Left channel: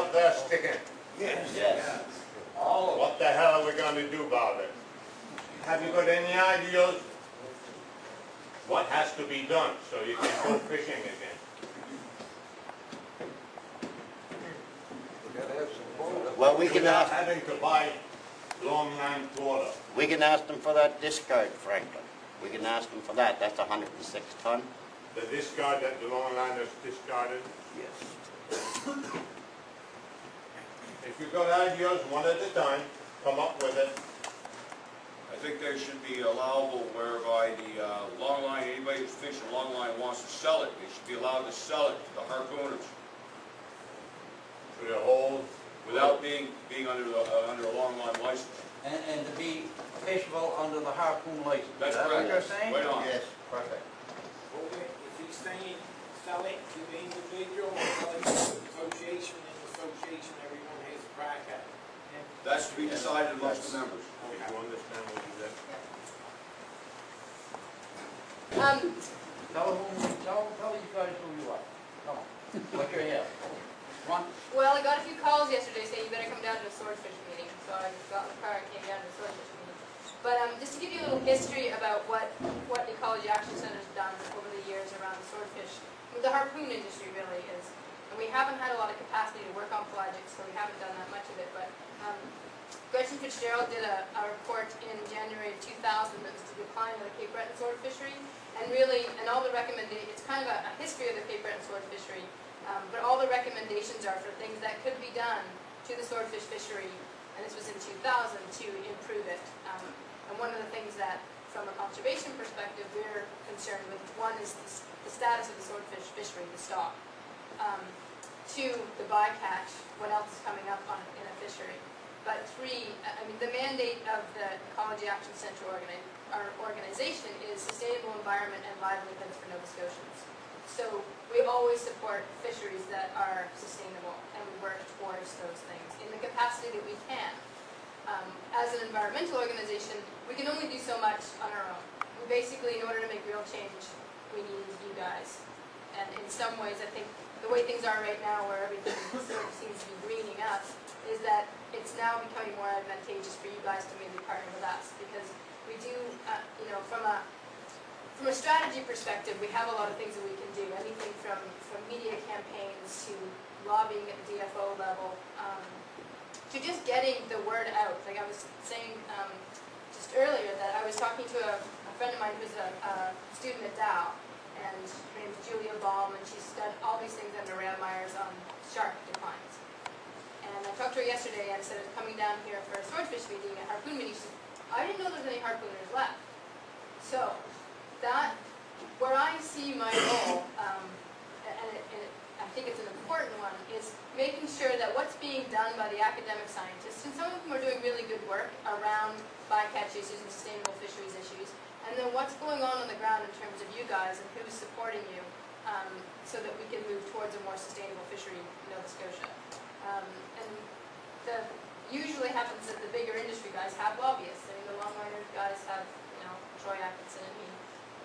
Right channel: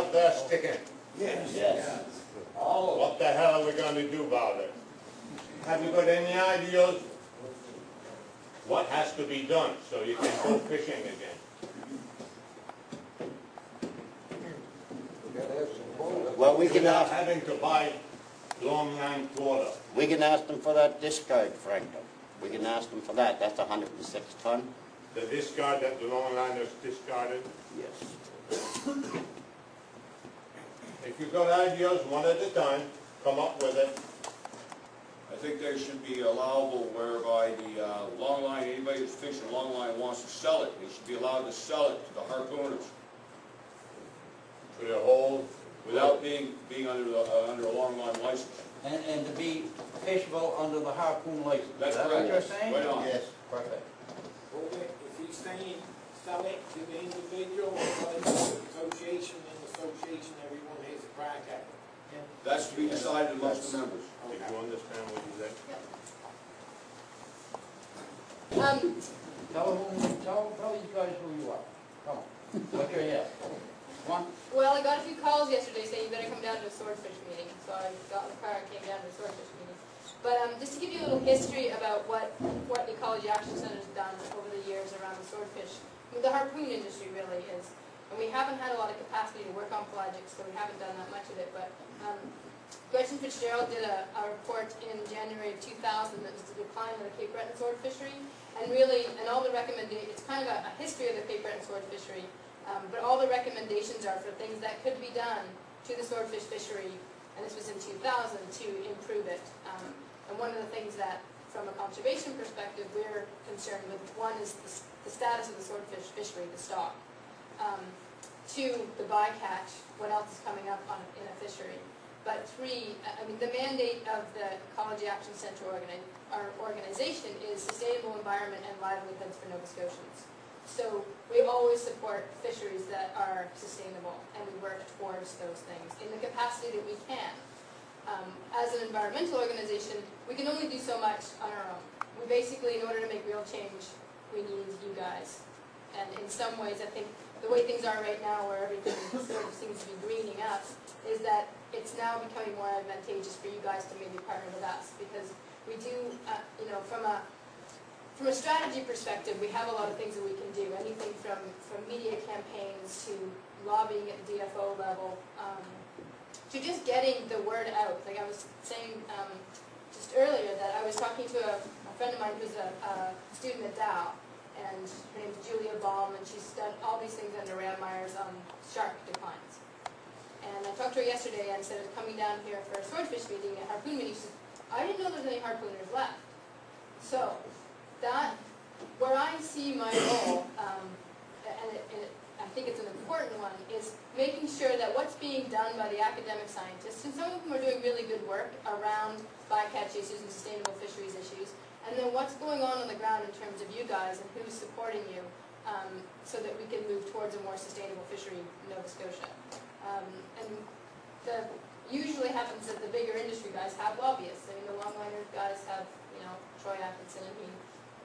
out there sticking? Yes. Yes. What the hell are we going to do about it? Have you got any ideas? What has to be done so you can go fishing again? Well, we can Without ask, having to buy longline quota. we can ask them for that discard, Franklin. We can ask them for that. That's 106 ton. The discard that the longliners discarded. Yes. If you've got ideas, one at a time, come up with it. I think there should be allowable whereby the long line, anybody who's fishing long line wants to sell it, they should be allowed to sell it to the harpooners For the whole, without being under a long line license. And to be fishable under the harpoon license. That's Is that what correct. you're saying? Right on. Yes. Perfect. Okay, if he's saying sell it to the individual or sell it to the association, in the association everyone has a crack at it. Okay? That's to be decided amongst the members. if you understand what he said. Tell you guys who you are. Come on. What you're here. Come on. Well, I got a few calls yesterday saying you better come down to a swordfish meeting, so I got in the car and came down to a swordfish meeting. But just to give you a little history about what Ecology Action Center has done over the years around the swordfish, the harpoon industry really is, and we haven't had a lot of capacity to work on pelagics, so we haven't done that much of it, but Gretchen Fitzgerald did a report in January of 2000 that was the decline of the Cape Breton sword fishery, and really, and all the recommendations, it's kind of a history of the Cape Breton sword fishery, but all the recommendations are for things that could be done to the swordfish fishery, and this was in 2000, to improve it. And one of the things that, from a conservation perspective, we're concerned with, one is the status of the swordfish fishery, the stock. Two, the bycatch, what else is coming up in a fishery. But three, I mean, the mandate of the Ecology Action Centre our organization is sustainable environment and livelihoods for Nova Scotians. So we always support fisheries that are sustainable, and we work towards those things in the capacity that we can. As an environmental organization, we can only do so much on our own. We basically, in order to make real change, we need you guys. And in some ways, I think the way things are right now, where everything sort of seems to be greening up, is that it's now becoming more advantageous for you guys to maybe partner with us, because we do, you know, from a strategy perspective, we have a lot of things that we can do. Anything from media campaigns to lobbying at the DFO level, to just getting the word out. Like I was saying just earlier, that I was talking to a friend of mine who's a student at Dow, and her name is Julia Baum, and she's done all these things under Ram Myers on shark declines. And I talked to her yesterday and said I was coming down here for a swordfish meeting, a harpoon meeting. She said, I didn't know there was any harpooners left. So that, where I see my role, and I think it's an important one, is making sure that what's being done by the academic scientists, and some of them are doing really good work around bycatch issues and sustainable fisheries issues, and then what's going on the ground in terms of you guys and who's supporting you, so that we can move towards a more sustainable fishery in Nova Scotia. And usually happens that the bigger industry guys have lobbyists. I mean, the longliner guys have, you know, Troy Atkinson, and he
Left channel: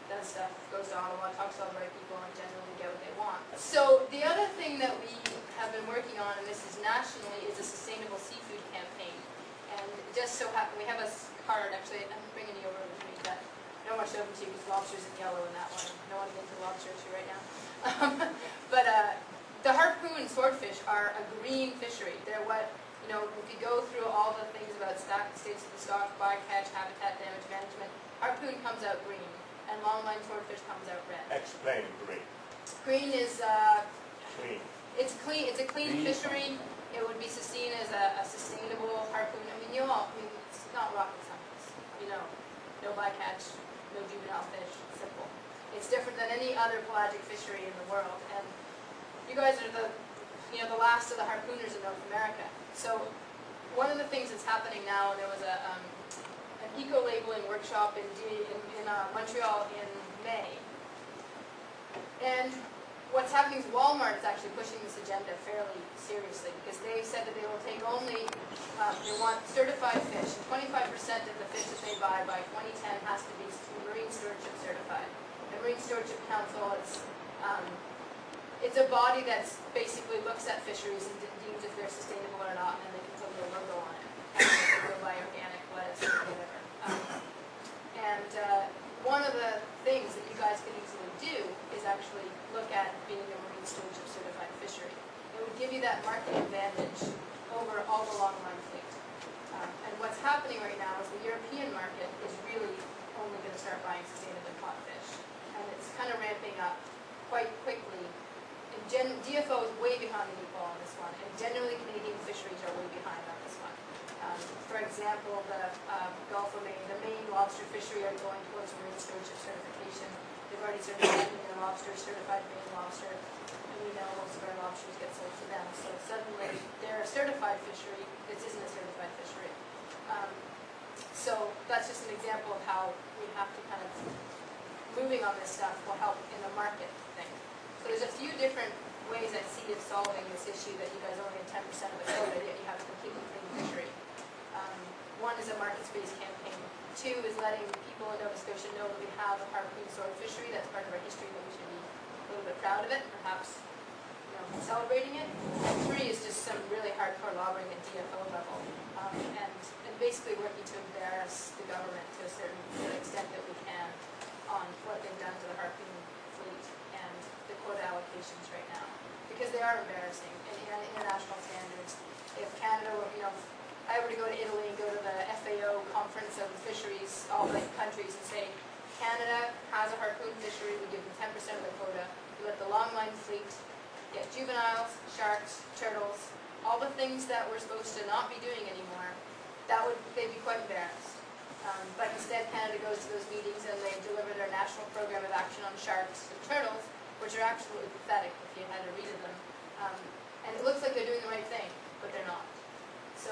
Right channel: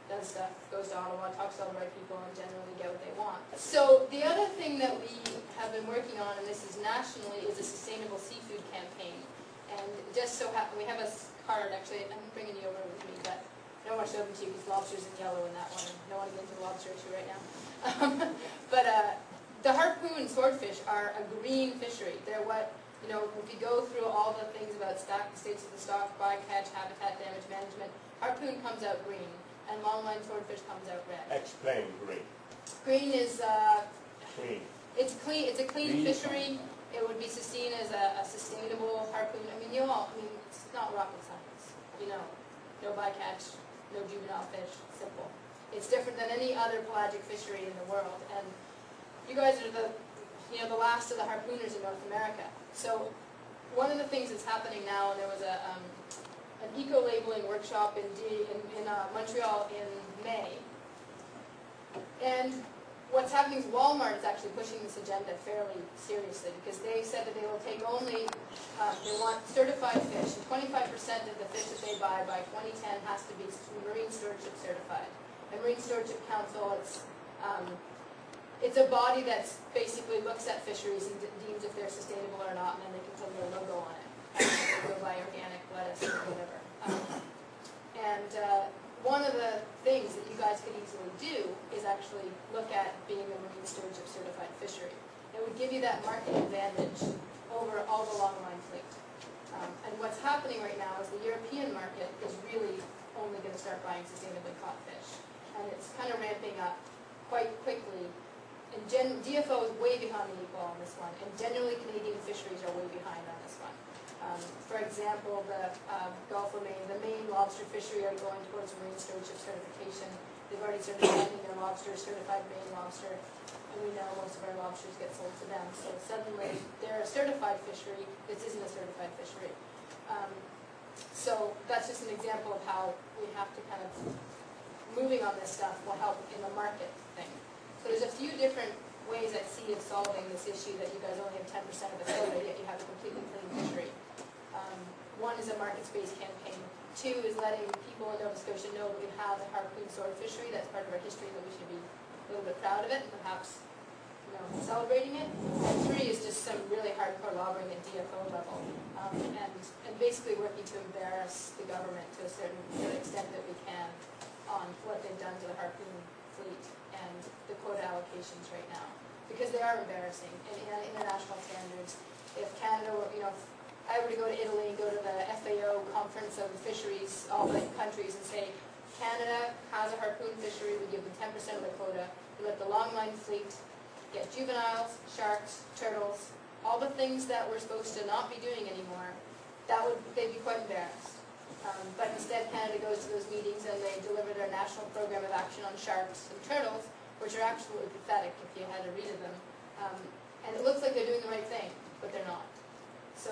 does stuff, goes to Ottawa, talks to all the right people, and generally get what they want. So the other thing that we have been working on, and this is nationally, is a sustainable seafood campaign. And it just so happened, we have a card, actually, I'm bringing you over with me, but I don't want to show them to you because lobster's in yellow in that one. I don't want to get into lobster issue right now. But the harpoon swordfish are a green fishery. They're what, you know, if you go through all the things about the states of the stock, bycatch, habitat damage management, harpoon comes out green, and longline swordfish comes out red. Explain green. Green is Clean. It's clean. It's a clean fishery. It would be seen as a sustainable harpoon. I mean, it's not rocket science. You know, no bycatch, no juvenile fish. Simple. It's different than any other pelagic fishery in the world, and you guys are the last of the harpooners in North America. So one of the things that's happening now, and there was an eco-labeling workshop in Montreal in May, and what's happening is Walmart is actually pushing this agenda fairly seriously, because they said that they will take only, they want certified fish. 25% of the fish that they buy by 2010 has to be Marine Stewardship certified. The Marine Stewardship Council, it's a body that basically looks at fisheries and deems if they're they're sustainable or not, and then they can put a little logo on it. Go buy organic lettuce or whatever. One of the things that you guys could easily do is actually look at being a marine stewardship certified fishery. It would give you that market advantage over all the longline fleet. And what's happening right now is the European market is really only going to start buying sustainably caught fish. And it's kind of ramping up quite quickly. And DFO is way behind the 8 ball on this one, and generally Canadian fisheries are way behind on this one. For example, the Gulf of Maine, the Maine lobster fishery are going towards marine stewardship certification. They've already started sending their lobsters certified Maine lobster, and we know most of our lobsters get sold to them. So suddenly they're a certified fishery. This isn't a certified fishery. So that's just an example of how we have to kind of, moving on this stuff will help in the market thing. So there's a few different ways I see of solving this issue that you guys only have 10% of the quota, yet you have a completely clean fishery. One is a market-based campaign. 2 is letting people in Nova Scotia know that we have a harpoon sword fishery. That's part of our history, that we should be a little bit proud of it and perhaps, celebrating it. And 3 is just some really hardcore lobbying at DFO level, and basically working to embarrass the government to the extent that we can on what they've done to the harpoon fleet and the quota allocations right now, because they are embarrassing in international standards. If Canada were, if I were to go to Italy and go to the FAO conference of fisheries, all the countries, and say, Canada has a harpoon fishery, we give them 10% of the quota, we let the longline fleet get juveniles, sharks, turtles, all the things that we're supposed to not be doing anymore, they'd be quite embarrassed. But instead Canada goes to those meetings and they deliver their national program of action on sharks and turtles, which are absolutely pathetic if you had to read them. And it looks like they're doing the right thing, but they're not. So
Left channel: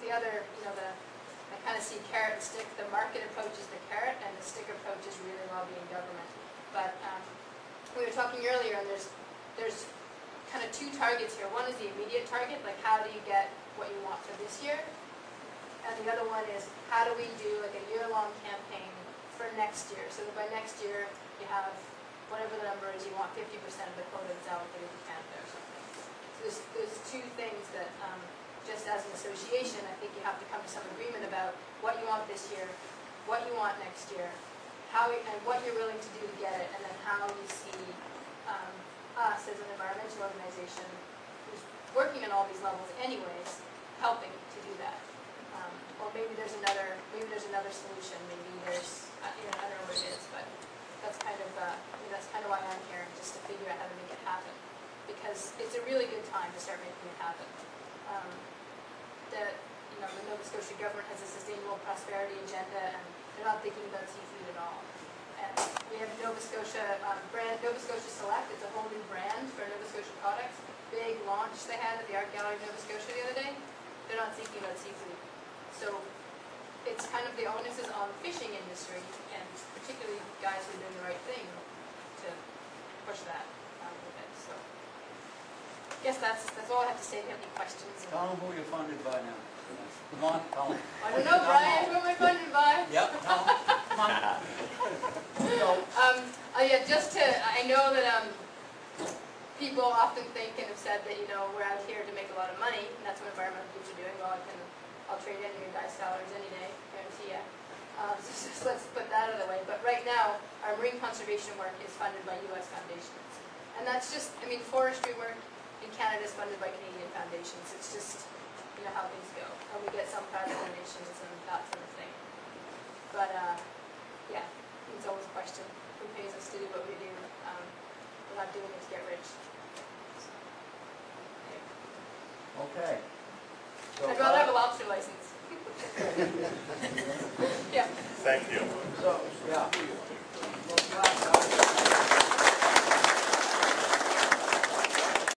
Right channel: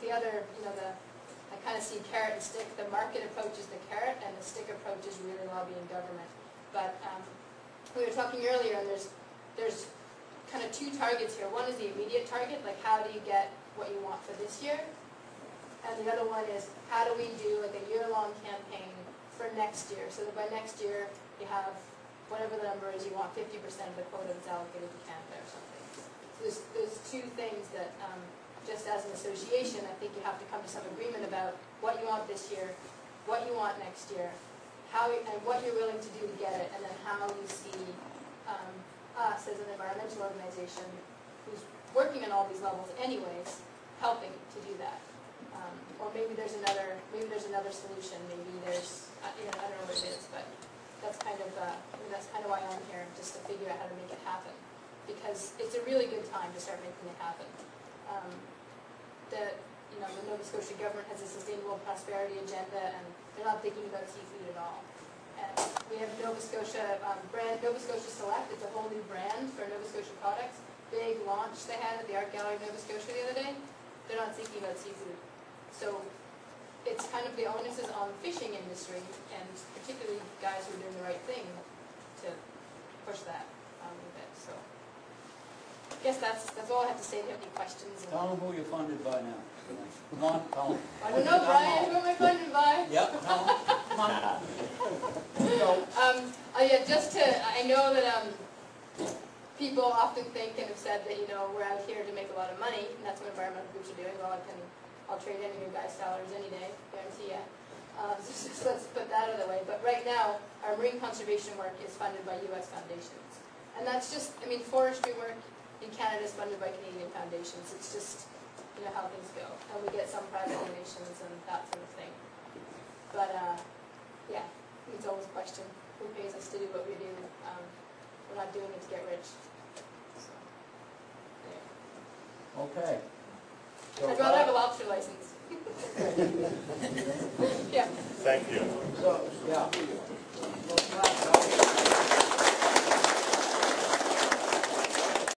the other, I kind of see carrot and stick. The market approach is the carrot, and the stick approach is really lobbying government. But we were talking earlier, and there's kind of 2 targets here. One is the immediate target, like how do you get what you want for this year? And the other one is how do we do like a year-long campaign for next year, so that by next year you have whatever the number is, you want 50% of the quota that's allocated to Canada or something. So there's 2 things that, just as an association, I think you have to come to some agreement about what you want this year, what you want next year, and what you're willing to do to get it, and then how you see us as an environmental organization who's working on all these levels anyways, helping to do that. Or maybe there's another solution. Maybe there's, I don't know what it is, but that's kind of why I'm here, just to figure out how to make it happen. Because it's a really good time to start making it happen. The Nova Scotia government has a sustainable prosperity agenda, and they're not thinking about seafood at all. And we have Nova Scotia brand, Nova Scotia Select. It's a whole new brand for Nova Scotia products. Big launch they had at the Art Gallery of Nova Scotia the other day. They're not thinking about seafood. So it's kind of the onus is on the fishing industry, and particularly guys who are doing the right thing, to push that a bit. So I guess that's all I have to say. Do you have any questions? Tell them who you're funded by now. Come on, tell them. I don't know, Brian. Who am I funded by? Yep, tell them. Come on. I know that people often think and have said that, we're out here to make a lot of money, and that's what environmental groups are doing. Well, I'll trade any of your guys' salaries any day, guarantee ya. So just let's put that out of the way. But right now, our marine conservation work is funded by U.S. foundations. And that's just, forestry work in Canada is funded by Canadian foundations. It's just, how things go. And we get some private donations and that sort of thing. But, yeah, it's always a question. Who pays us to do what we do? We're not doing it to get rich.